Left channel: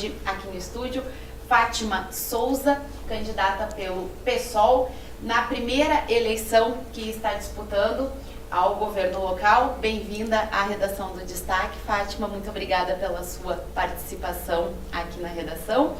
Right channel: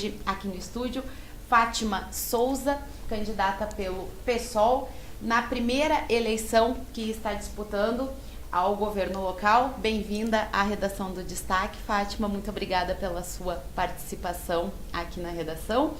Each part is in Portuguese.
hoje aqui no estúdio Fátima Souza, candidata pelo PSOL, na primeira eleição que está disputando ao governo local. Bem-vinda à redação do Destaque, Fátima. Muito obrigada pela sua participação aqui na redação.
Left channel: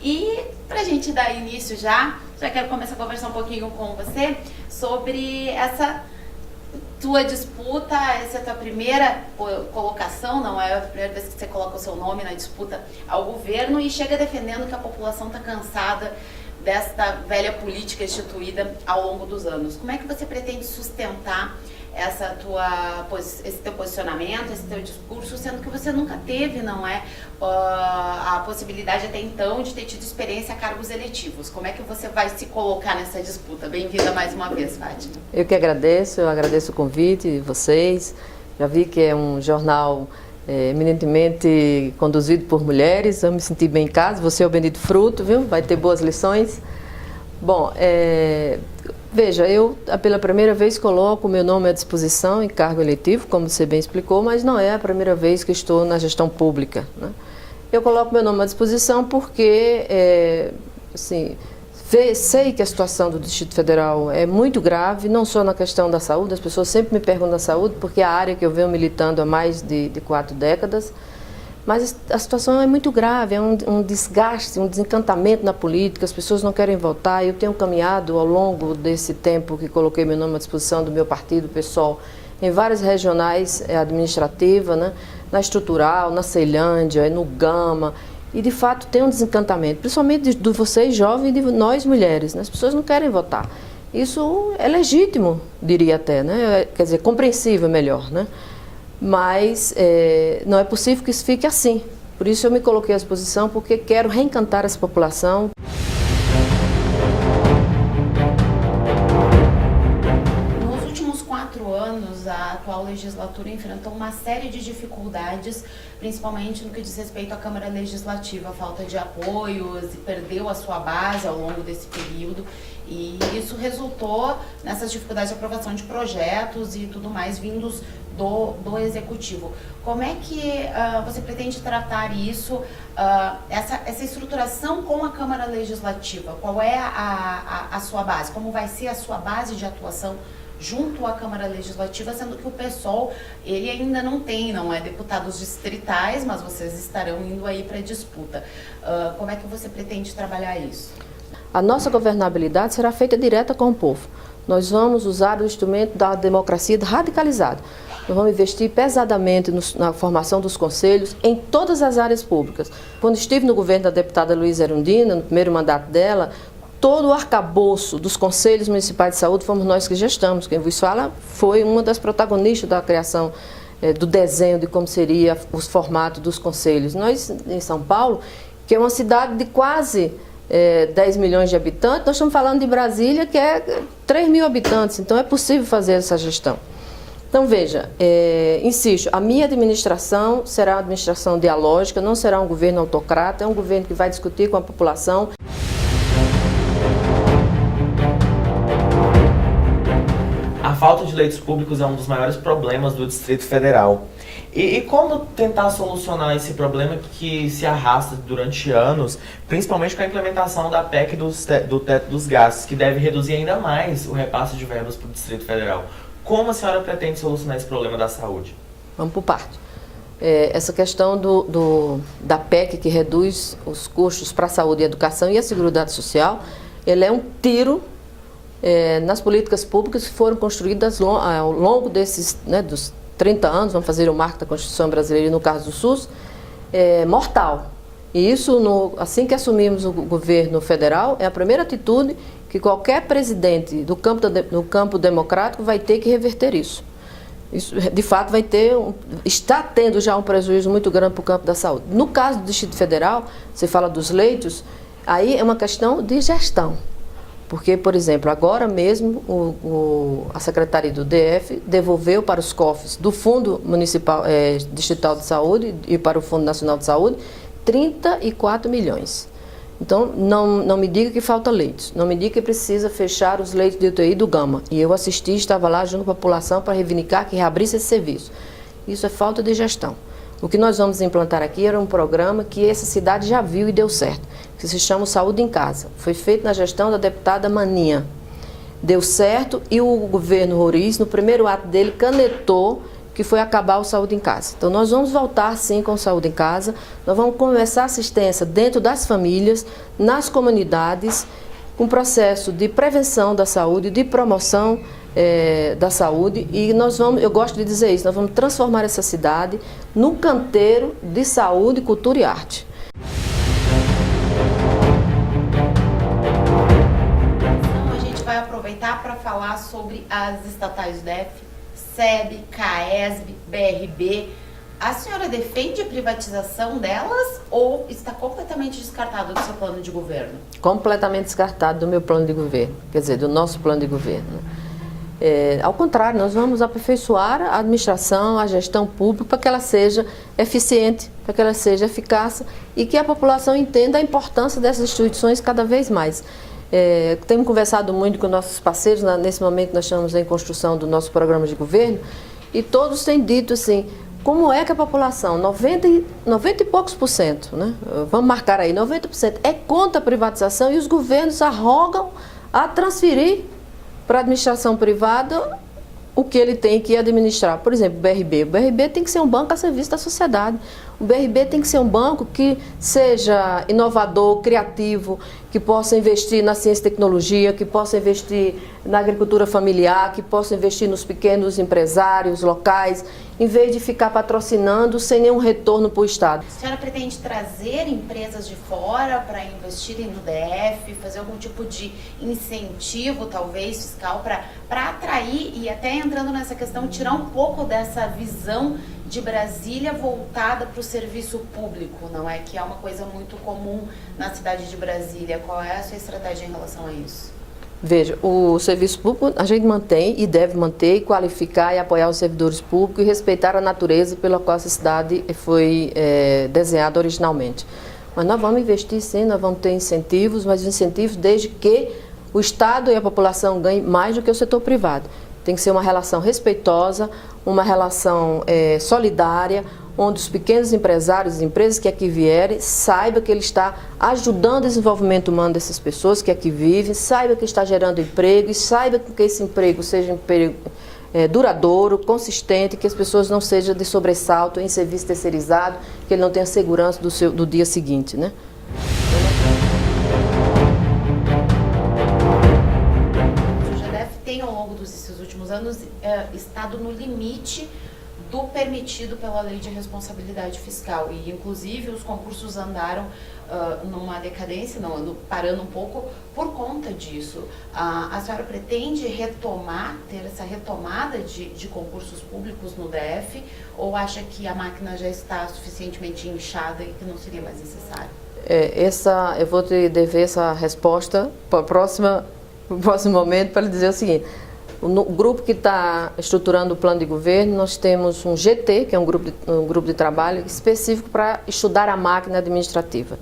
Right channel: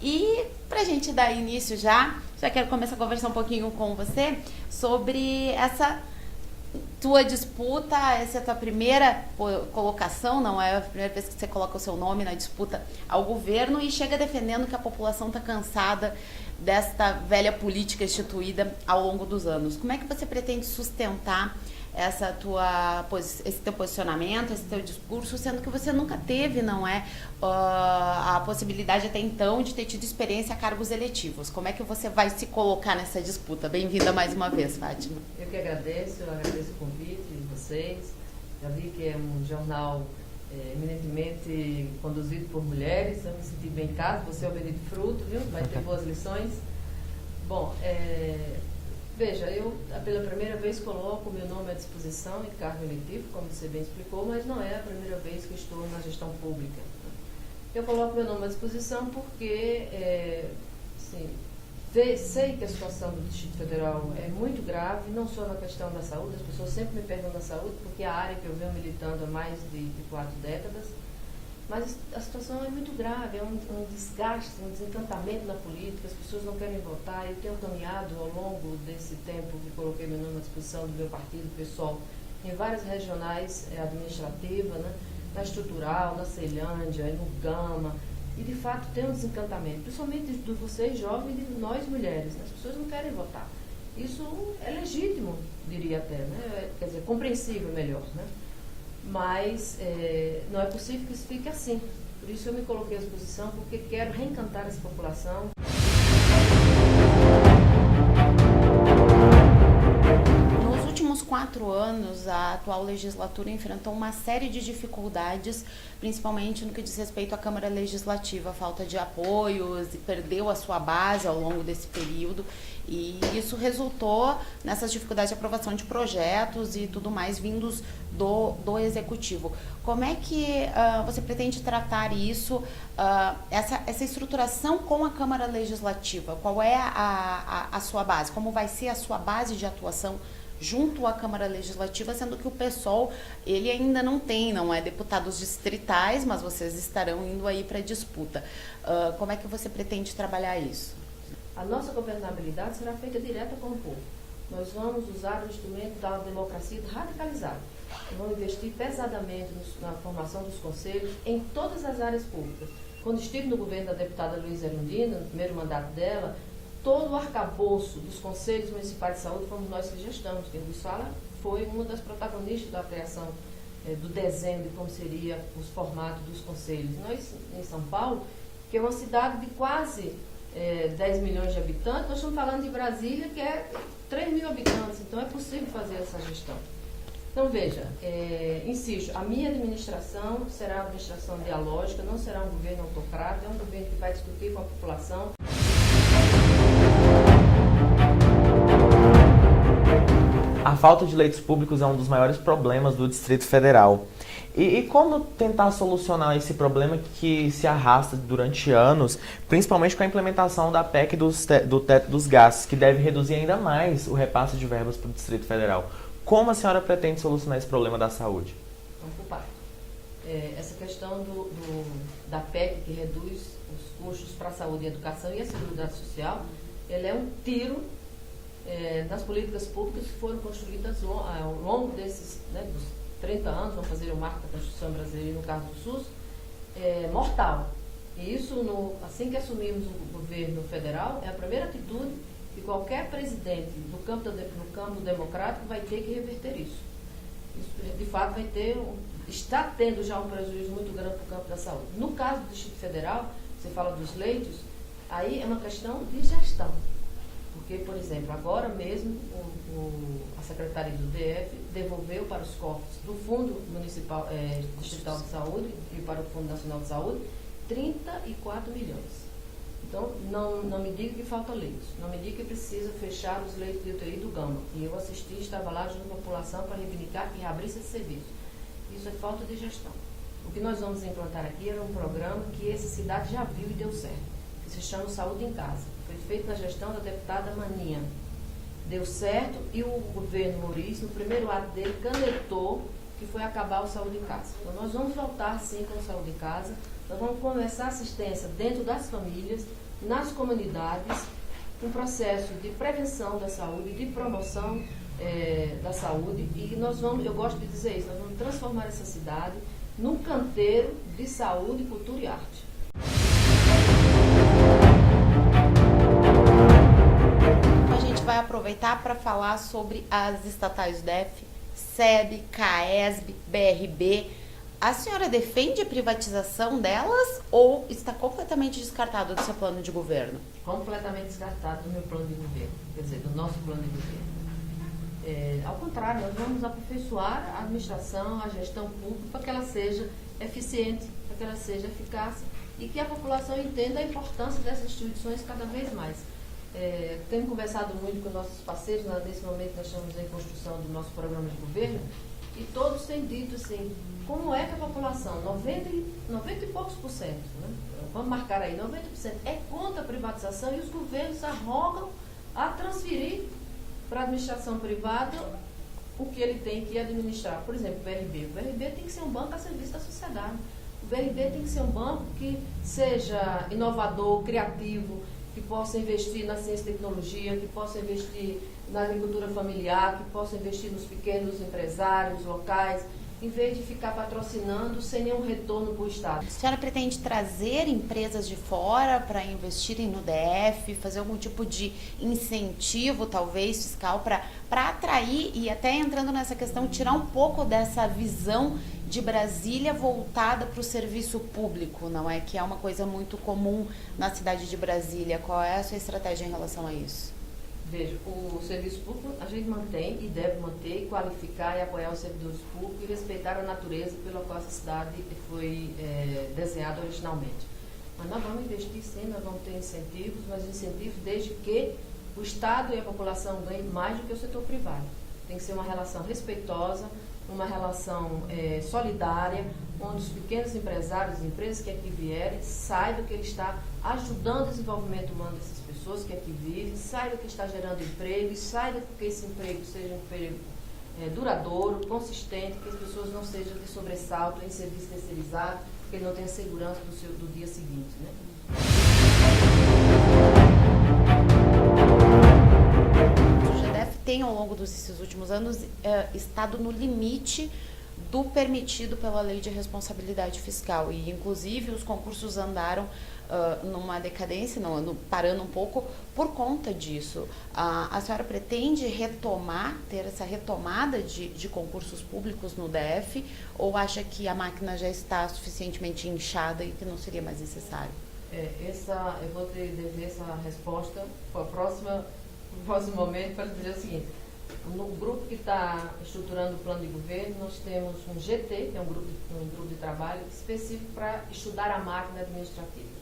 E para a gente dar início já quero começar a conversar um pouquinho com você sobre essa tua disputa, essa é a tua primeira colocação, não é a primeira vez que você coloca o seu nome na disputa ao governo e chega defendendo que a população está cansada desta velha política instituída ao longo dos anos. Como é que você pretende sustentar esse teu posicionamento, esse teu discurso, sendo que você nunca teve, não é, a possibilidade até então de ter tido experiência a cargos eletivos? Como é que você vai se colocar nessa disputa? Bem-vinda mais uma vez, Fátima. Eu que agradeço, o convite de vocês. Já vi que é um jornal eminentemente conduzido por mulheres, eu me senti bem em casa, você é o bendito fruto, viu? Vai ter boas lições. Bom, veja, eu pela primeira vez coloco o meu nome à disposição em cargo eletivo, como você bem explicou, mas não é a primeira vez que estou na gestão pública, né? Eu coloco meu nome à disposição porque, sei que a situação do Distrito Federal é muito grave, não só na questão da saúde, as pessoas sempre me perguntam da saúde, porque é a área que eu venho militando há mais de 4 décadas, mas a situação é muito grave, é um desgaste, um desencantamento na política, as pessoas não querem votar. Eu tenho caminhado ao longo desse tempo que coloquei meu nome à disposição do meu partido, PSOL, em várias regionais administrativas, né, na Estrutural, na Ceilândia, no Gama, e de fato tem um desencantamento, principalmente de vocês jovens e de nós mulheres, né? As pessoas não querem votar. Isso é legítimo, diria até, né? Quer dizer, compreensível melhor, né? Mas não é possível que isso fique assim. Por isso eu me coloquei à disposição, porque quero reencantar essa população. Nos últimos 4 anos, a atual legislatura enfrentou uma série de dificuldades, principalmente no que diz respeito à Câmara Legislativa, a falta de apoios, e perdeu a sua base ao longo desse período, e isso resultou nessas dificuldades de aprovação de projetos e tudo mais vindos do Executivo. Como é que você pretende tratar isso, essa estruturação com a Câmara Legislativa? Qual é a sua base? Como vai ser a sua base de atuação junto à Câmara Legislativa, sendo que o PSOL, ele ainda não tem, não é, deputados distritais, mas vocês estarão indo aí para a disputa. Como é que você pretende trabalhar isso? A nossa governabilidade será feita direta com o povo. Nós vamos usar o instrumento da democracia radicalizada. Nós vamos investir pesadamente na formação dos conselhos em todas as áreas públicas. Quando estive no governo da deputada Luísa Erundina, no primeiro mandato dela, todo o arcabouço dos conselhos municipais de saúde fomos nós que gestamos. Quem vos fala foi uma das protagonistas da criação do desenho de como seria os formatos dos conselhos. Nós, em São Paulo, que é uma cidade de quase 10 milhões de habitantes, nós estamos falando de Brasília, que é 3 mil habitantes, então é possível fazer essa gestão. Então, veja, insisto, a minha administração será uma administração dialógica, não será um governo autocrata, é um governo que vai discutir com a população. A falta de leitos públicos é um dos maiores problemas do Distrito Federal. E como tentar solucionar esse problema que se arrasta durante anos, principalmente com a implementação da PEC do teto dos gastos, que deve reduzir ainda mais o repasse de verbas para o Distrito Federal? Como a senhora pretende solucionar esse problema da saúde? Vamos por parte. Essa questão da PEC, que reduz os custos para a saúde e a educação e a Seguridade Social, ele é um tiro nas políticas públicas que foram construídas ao longo desses, dos 30 anos, vamos fazer o marco da Constituição Brasileira, no caso do SUS, mortal. E isso, assim que assumimos o governo federal, é a primeira atitude que qualquer presidente do campo democrático vai ter que reverter isso. Isso, de fato, está tendo já um prejuízo muito grande para o campo da saúde. No caso do Distrito Federal, você fala dos leitos, aí é uma questão de gestão. Porque, por exemplo, agora mesmo a Secretaria do DF devolveu para os cofres do Fundo Municipal Distrital de Saúde e para o Fundo Nacional de Saúde 34 milhões. Então, não me diga que falta leitos, não me diga que precisa fechar os leitos de UTI do Gama. E eu estava lá junto com a população para reivindicar que reabrisse esse serviço. Isso é falta de gestão. O que nós vamos implantar aqui era um programa que essa cidade já viu e deu certo, que se chama Saúde em Casa. Foi feito na gestão da deputada Maninha. Deu certo e o governo Roriz, no primeiro ato dele, canetou que foi acabar o Saúde em Casa. Então, nós vamos voltar, sim, com o Saúde em Casa. Nós vamos começar a assistência dentro das famílias, nas comunidades, com processo de prevenção da saúde, de promoção da saúde. E nós vamos, eu gosto de dizer isso, nós vamos transformar essa cidade num canteiro de saúde, cultura e arte. Então, a gente vai aproveitar para falar sobre as estatais do DF, SEB, CAESB, BRB. A senhora defende a privatização delas ou está completamente descartado do seu plano de governo? Completamente descartado do meu plano de governo, quer dizer, do nosso plano de governo. Ao contrário, nós vamos aperfeiçoar a administração, a gestão pública para que ela seja eficiente, para que ela seja eficaz e que a população entenda a importância dessas instituições cada vez mais. Temos conversado muito com nossos parceiros, nesse momento nós estamos em construção do nosso programa de governo, e todos têm dito assim, como é que a população, 90 e poucos por cento, né? Vamos marcar aí, 90% é contra a privatização e os governos arrogam a transferir para a administração privada o que ele tem que administrar. Por exemplo, o BRB. O BRB tem que ser um banco a serviço da sociedade. O BRB tem que ser um banco que seja inovador, criativo, que possa investir na ciência e tecnologia, que possa investir na agricultura familiar, que possa investir nos pequenos empresários locais, em vez de ficar patrocinando sem nenhum retorno para o Estado. A senhora pretende trazer empresas de fora para investirem no DF, fazer algum tipo de incentivo, talvez, fiscal, para atrair e até entrando nessa questão, tirar um pouco dessa visão de Brasília voltada para o serviço público, não é? Que é uma coisa muito comum na cidade de Brasília. Qual é a sua estratégia em relação a isso? Veja, o serviço público a gente mantém e deve manter, qualificar e apoiar os servidores públicos e respeitar a natureza pela qual essa cidade foi desenhada originalmente. Mas nós vamos investir sim, nós vamos ter incentivos, mas incentivos desde que o Estado e a população ganhem mais do que o setor privado. Tem que ser uma relação respeitosa, uma relação solidária, onde os pequenos empresários e empresas que aqui vierem saibam que ele está ajudando o desenvolvimento humano dessas pessoas que aqui vivem, saiba que está gerando emprego e saiba que esse emprego seja um emprego duradouro, consistente, que as pessoas não sejam de sobressalto em serviço terceirizado, que ele não tenha segurança do dia seguinte, né? O GDF tem, ao longo desses últimos anos, estado no limite do permitido pela lei de responsabilidade fiscal e, inclusive, os concursos andaram numa decadência, parando um pouco por conta disso. A senhora pretende ter essa retomada de concursos públicos no DF ou acha que a máquina já está suficientemente inchada e que não seria mais necessário? Eu vou te dever essa resposta para o próximo momento para lhe dizer o seguinte. No grupo que está estruturando o plano de governo, nós temos um GT, que é um grupo de trabalho específico para estudar a máquina administrativa.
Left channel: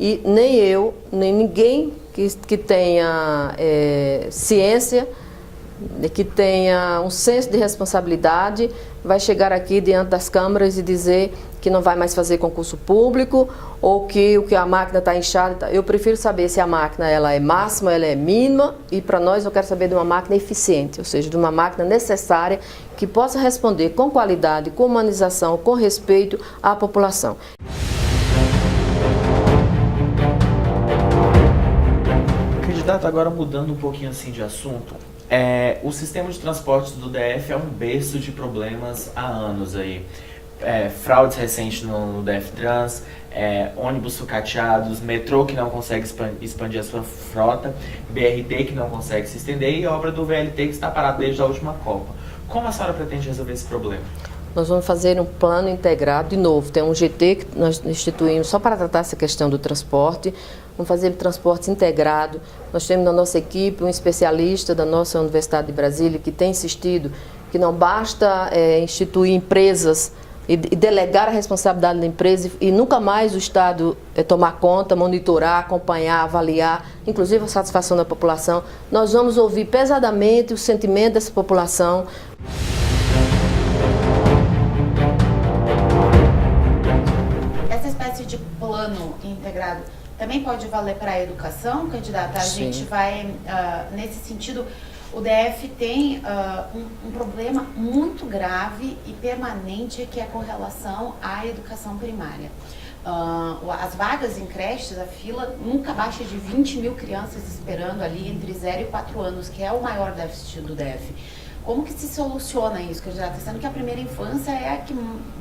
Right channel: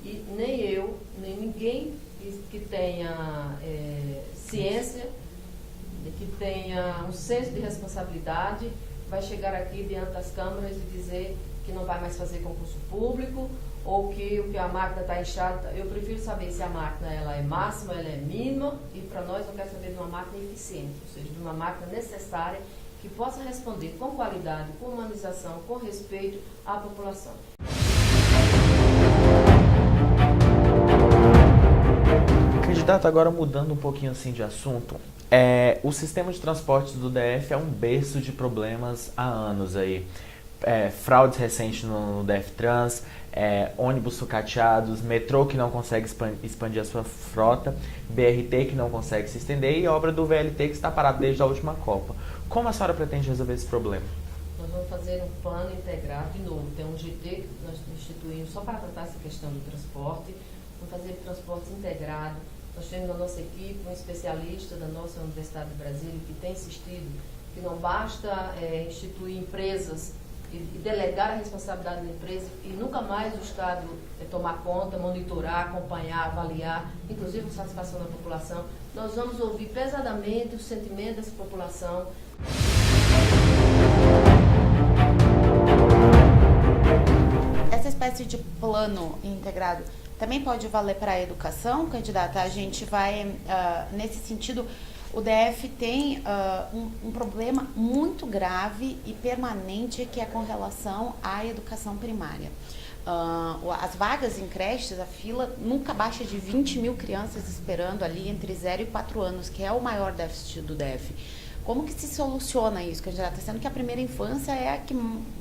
E nem eu, nem ninguém que tenha ciência, que tenha um senso de responsabilidade, vai chegar aqui diante das câmaras e dizer que não vai mais fazer concurso público ou que a máquina está inchada. Eu prefiro saber se a máquina ela é máxima, ela é mínima, e para nós eu quero saber de uma máquina eficiente, ou seja, de uma máquina necessária que possa responder com qualidade, com humanização, com respeito à população. Candidato, agora mudando um pouquinho assim de assunto, o sistema de transportes do DF é um berço de problemas há anos aí. Fraudes recentes no DF Trans, ônibus sucateados, metrô que não consegue expandir a sua frota, BRT que não consegue se estender e obra do VLT que está parado desde a última Copa. Como a senhora pretende resolver esse problema? Nós vamos fazer um plano integrado, de novo, tem um GT que nós instituímos só para tratar essa questão do transporte, vamos fazer transporte integrado. Nós temos na nossa equipe um especialista da nossa Universidade de Brasília que tem insistido que não basta instituir empresas e delegar a responsabilidade da empresa e nunca mais o Estado tomar conta, monitorar, acompanhar, avaliar, inclusive a satisfação da população. Nós vamos ouvir pesadamente o sentimento dessa população. espécie de plano integrado também pode valer para a educação, candidata? A Sim. gente vai, nesse sentido, o DF tem um problema muito grave e permanente que é com relação à educação primária. As vagas em creches, a fila nunca baixa de 20 mil crianças esperando ali entre 0 e 4 anos, que é o maior déficit do DF. Como que se soluciona isso, candidata? Sendo que a primeira infância é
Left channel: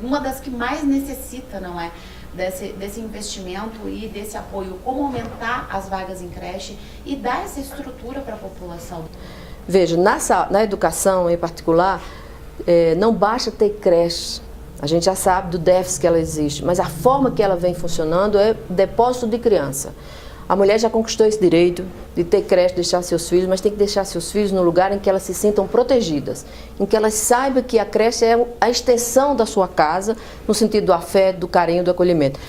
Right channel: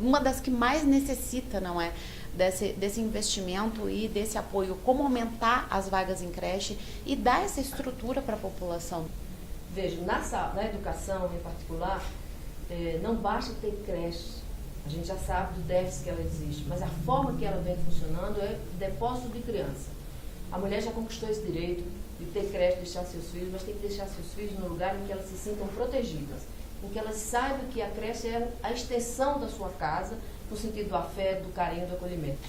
uma das que mais necessita, não é? Desse investimento e desse apoio. Como aumentar as vagas em creche e dar essa estrutura para a população? Veja, na educação em particular, não basta ter creche. A gente já sabe do déficit que ela existe, mas a forma que ela vem funcionando é depósito de criança. A mulher já conquistou esse direito de ter creche, deixar seus filhos, mas tem que deixar seus filhos no lugar em que elas se sintam protegidas, em que elas saibam que a creche é a extensão da sua casa, no sentido do afeto, do carinho, do acolhimento.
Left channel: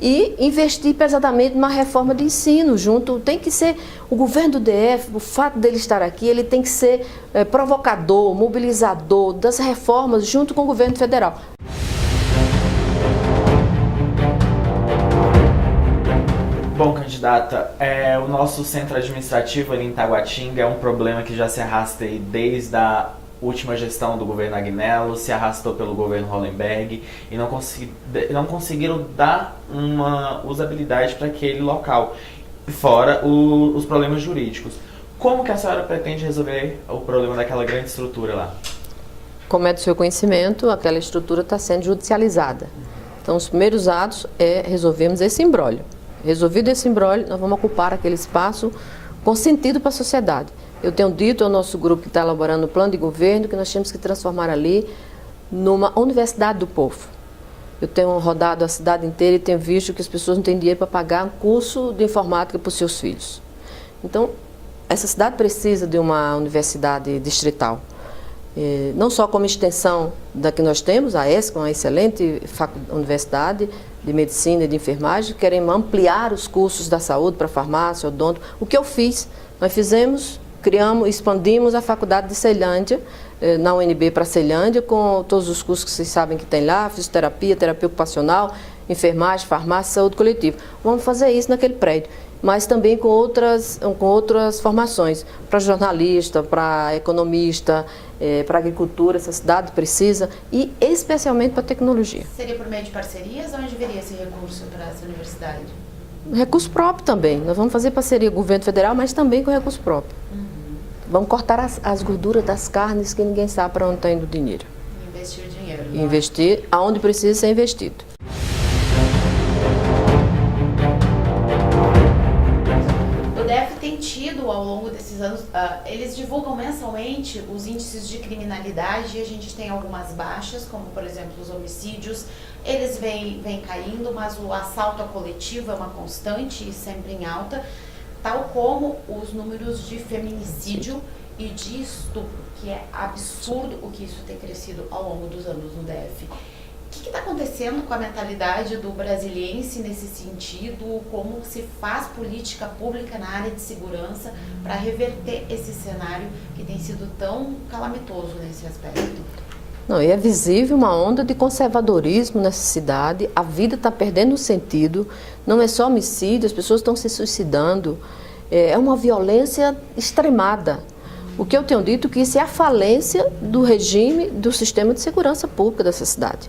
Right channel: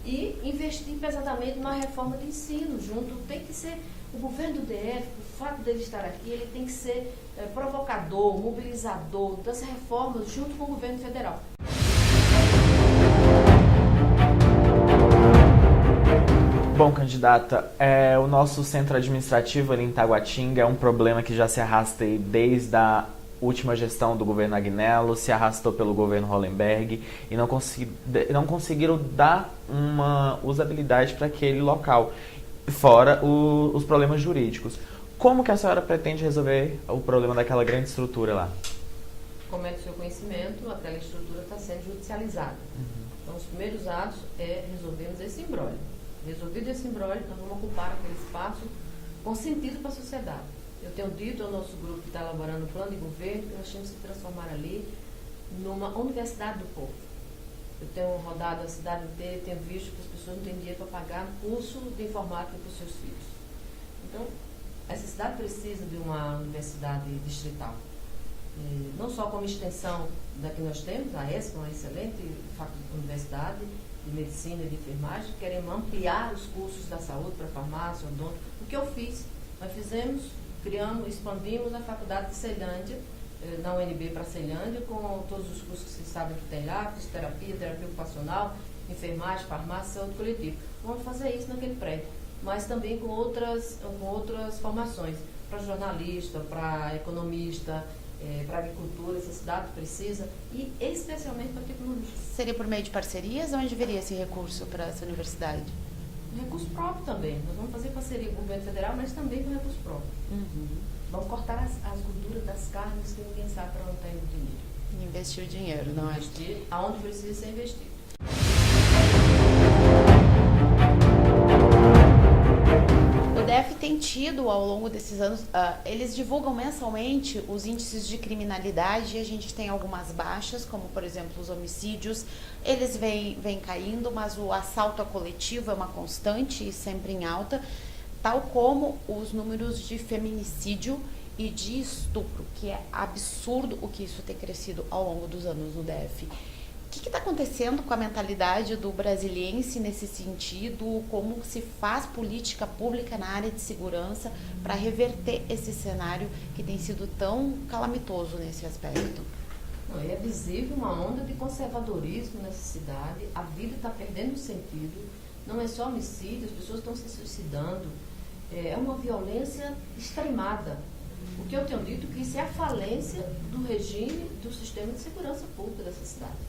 E investir pesadamente numa reforma de ensino junto. Tem que ser o governo do DF, o fato dele estar aqui, ele tem que ser provocador, mobilizador das reformas junto com o governo federal. Bom, candidata, o nosso centro administrativo ali em Taguatinga é um problema que já se arrasta aí desde a última gestão do governo Agnello, se arrastou pelo governo Hollenberg e não conseguiram dar uma usabilidade para aquele local, fora os problemas jurídicos. Como que a senhora pretende resolver o problema daquela grande estrutura lá? Como é do seu conhecimento, aquela estrutura está sendo judicializada. Então, os primeiros atos é resolvermos esse imbróglio. Resolvido esse imbróglio, nós vamos ocupar aquele espaço com sentido para a sociedade. Eu tenho dito ao nosso grupo que está elaborando o plano de governo que nós temos que transformar ali numa universidade do povo. Eu tenho rodado a cidade inteira e tenho visto que as pessoas não têm dinheiro para pagar um curso de informática para os seus filhos. Então, essa cidade precisa de uma universidade distrital. Não só como extensão da que nós temos, a ESC, uma excelente universidade de medicina e de enfermagem, queremos ampliar os cursos da saúde para farmácia, odonto. O que eu fiz? Nós fizemos, criamos, expandimos a faculdade de Ceilândia, na UNB para Ceilândia, com todos os cursos que vocês sabem que tem lá, fisioterapia, terapia ocupacional, enfermagem, farmácia, saúde coletiva. Vamos fazer isso naquele prédio, mas também com outras formações, para jornalista, para economista, para agricultura, essa cidade precisa, e especialmente para tecnologia. Seria por meio de parcerias? Onde viria esse recurso para essa universidade? Recurso próprio também. Nós vamos fazer parceria com o governo federal, mas também com recurso próprio. Vamos cortar as gorduras das carnes que ninguém sabe para onde está indo o dinheiro. Investir o dinheiro. Não investir aonde precisa ser investido. O DF tem tido, ao longo desses anos, eles divulgam mensalmente os índices de criminalidade e a gente tem algumas baixas, como, por exemplo, os homicídios. Eles vêm caindo, mas o assalto a coletivo é uma constante e sempre em alta, tal como os números de feminicídio e de estupro, que é absurdo o que isso tem crescido ao longo dos anos no DF. O que está acontecendo com a mentalidade do brasiliense nesse sentido? Como se faz política pública na área de segurança para reverter esse cenário que tem sido tão calamitoso nesse aspecto? Não, e é visível uma onda de conservadorismo nessa cidade, a vida está perdendo sentido, não é só homicídio, as pessoas estão se suicidando, é uma violência extremada. O que eu tenho dito é que isso é a falência do regime do sistema de segurança pública dessa cidade.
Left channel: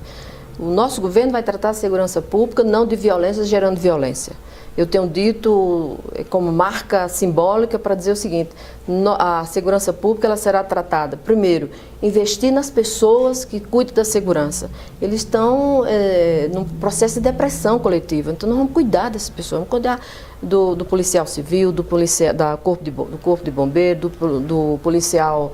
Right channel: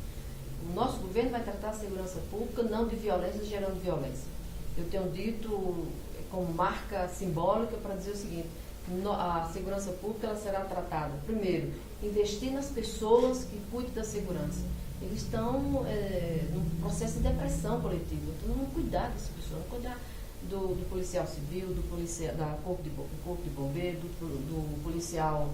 O nosso governo vai tratar a segurança pública não de violência gerando violência. Eu tenho dito como marca simbólica para dizer o seguinte: a segurança pública ela será tratada, primeiro, investir nas pessoas que cuidam da segurança. Eles estão num processo de depressão coletiva, então nós vamos cuidar dessas pessoas, vamos cuidar do policial civil, do corpo de bombeiro, do policial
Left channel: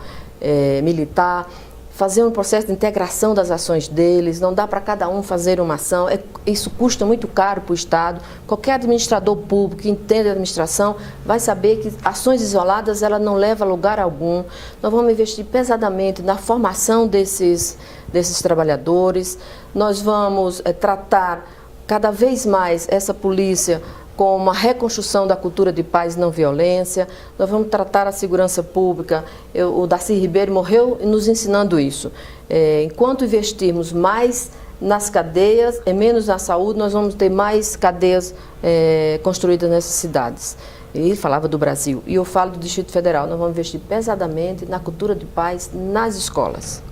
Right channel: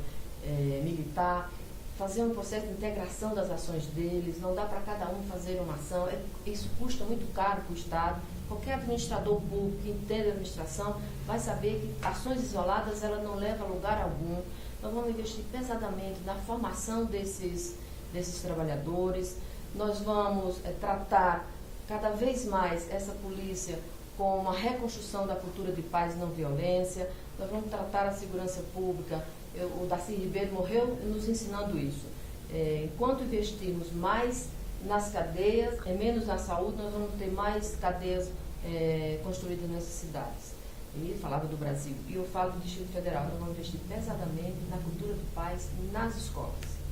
militar, fazer um processo de integração das ações deles, não dá para cada um fazer uma ação, isso custa muito caro para o Estado. Qualquer administrador público que entende a administração vai saber que ações isoladas ela não levam a lugar algum. Nós vamos investir pesadamente na formação desses trabalhadores, nós vamos tratar cada vez mais essa polícia com uma reconstrução da cultura de paz e não violência. Nós vamos tratar a segurança pública. O Darcy Ribeiro morreu nos ensinando isso. Enquanto investirmos mais nas cadeias, menos na saúde, nós vamos ter mais cadeias construídas nessas cidades. Ele falava do Brasil, e eu falo do Distrito Federal, nós vamos investir pesadamente na cultura de paz nas escolas.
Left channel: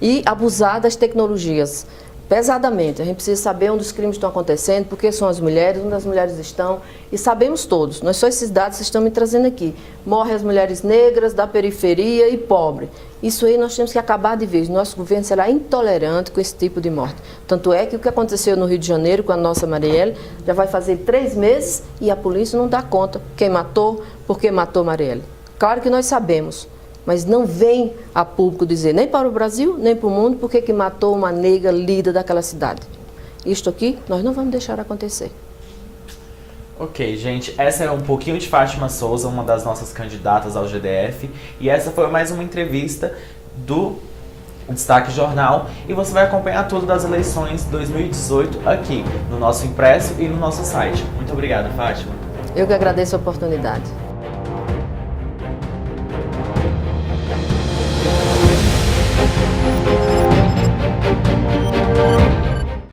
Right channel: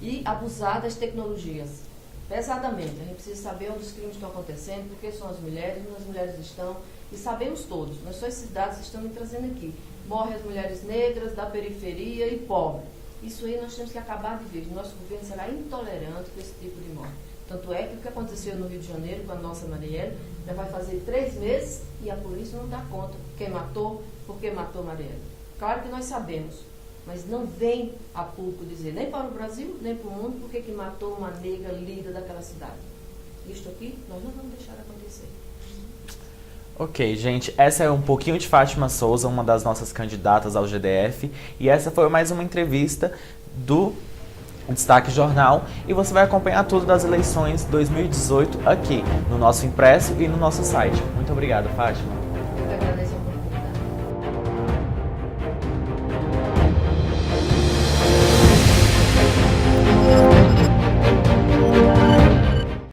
E abusar das tecnologias, pesadamente. A gente precisa saber onde os crimes estão acontecendo, porque são as mulheres, onde as mulheres estão, e sabemos todos, não é só esses dados que estão me trazendo aqui. Morrem as mulheres negras, da periferia e pobre. Isso aí nós temos que acabar de vez. Nosso governo será intolerante com esse tipo de morte. Tanto é que o que aconteceu no Rio de Janeiro com a nossa Marielle já vai fazer 3 meses e a polícia não dá conta quem matou, por que matou Marielle. Claro que nós sabemos, mas não vem a público dizer, nem para o Brasil, nem para o mundo, por que matou uma negra líder daquela cidade. Isto aqui nós não vamos deixar acontecer. Ok, gente, essa é um pouquinho de Fátima Souza, uma das nossas candidatas ao GDF, e essa foi mais uma entrevista do Destaque Jornal, e você vai acompanhar tudo das eleições 2018 aqui, no nosso impresso e no nosso site. Muito obrigado, Fátima. Eu que agradeço a oportunidade.